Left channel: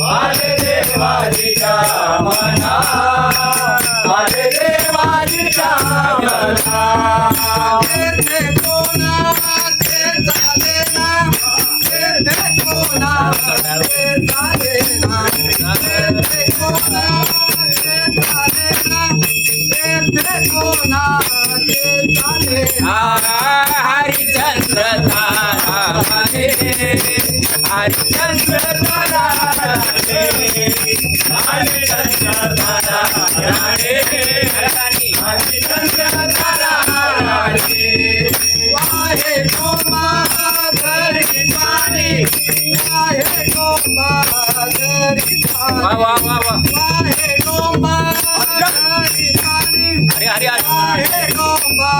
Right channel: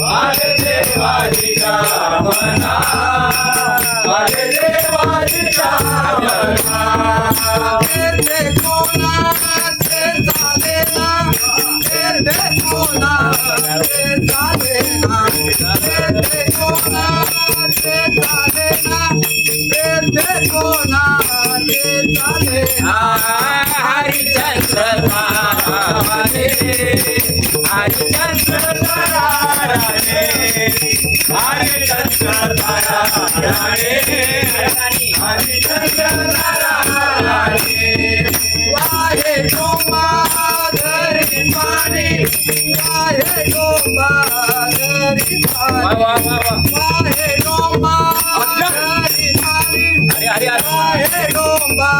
माझे देवाची कामना माझे देवाची कामना ते कोणा ते चाले ना ते कोणा ते चाले ना ते कोणा ते चाले ना ते कोणा ते चाले ना हरिचंद्र ताराने हरिचंद्र ताराने हरिचंद्र ताराने हरिचंद्र ताराने वाहे गोमा घरी पाणी वाहे गोमा घरी पाणी वाहे गोमा घरी पाणी वाहे गोमा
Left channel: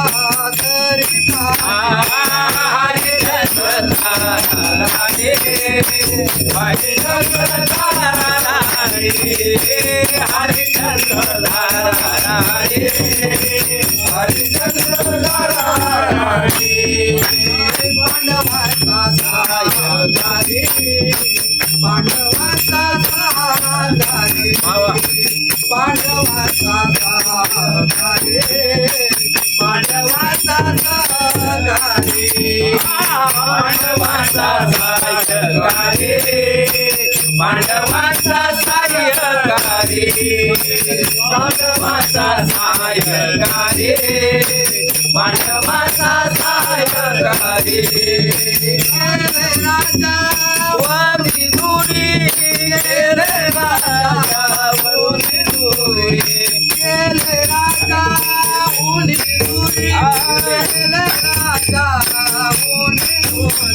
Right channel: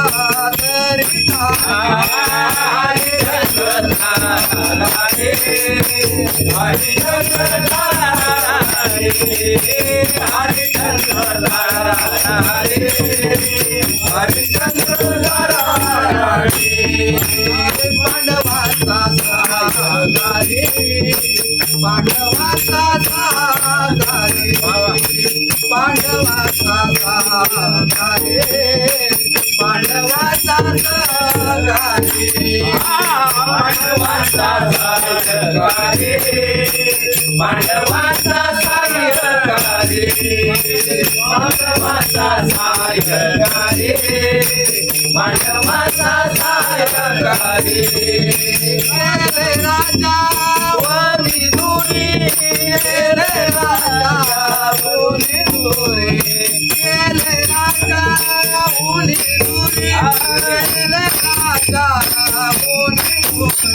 घरी पाणी हरिचंद्र ताराने हरिचंद्र ताराने हरिचंद्र ताराने हरिचंद्र ताराने पांडवाचा सहागारी पांडवाचा सहागारी पांडवाचा सहागारी पांडवाचा सहागारी पांडवाचा सायगारी पांडवाचा सायगारी पांडवाचा सायगारी पांडवाचा सायगारी केले राजा वनी दुरी केले राजा वनी दुरी केले राजा वनी दुरी केले राजा वनी दुरी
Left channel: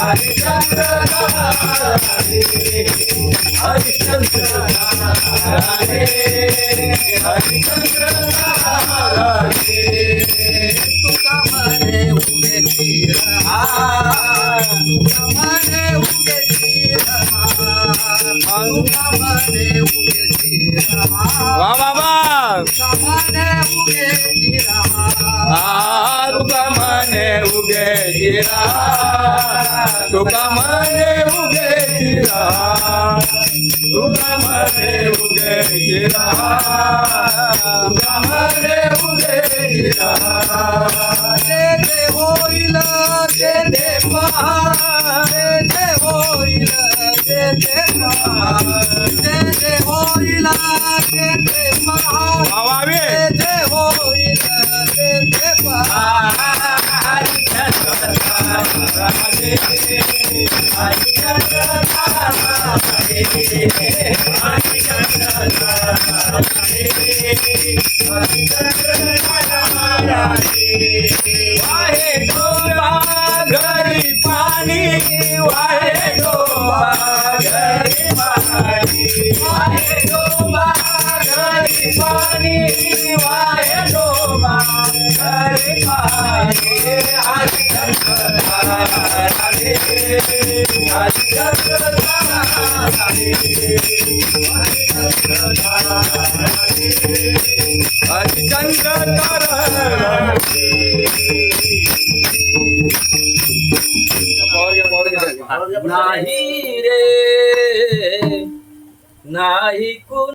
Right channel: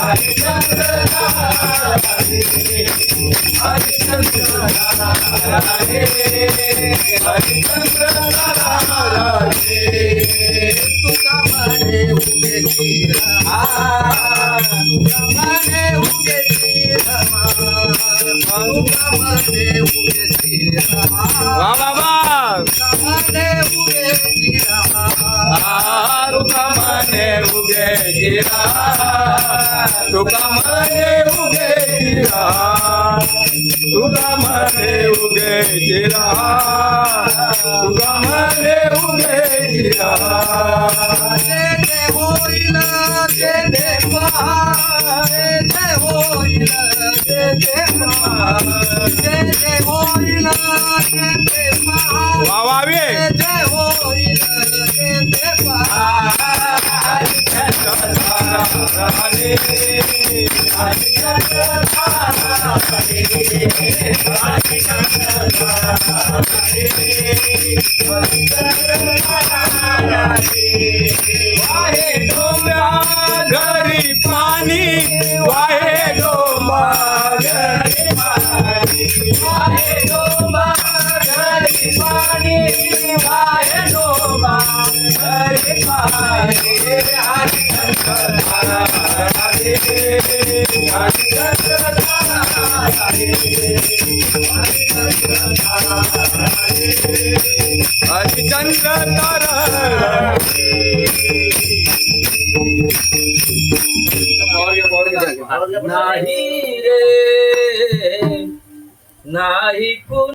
हरिचंद्र हरिचंद्र हरिचंद्र तुका मने उभे चिरमा तुका मने उभे चिरमा तुका मने उभे चिरमा वा बाबा तुका मने उभे चिरमा तुका मने उगे जिरा तुका मने उगे जिरा तुका मने उगे जिरा तुका मने उगे जिरा ते होईल ते पहा ते होईल ते पहा ते होईल ते पहा वावावे ते होईल ते पहा वाहे डोंगा घरी पाणी वाहे डोंगा घरी पाणी वाहे डोंगा घरी पाणी वाहे डोंगा घरी पाणी हरिचंद्र ताराने हरिचंद्र ताराने हरिचंद्र ताराने नाही रे नाही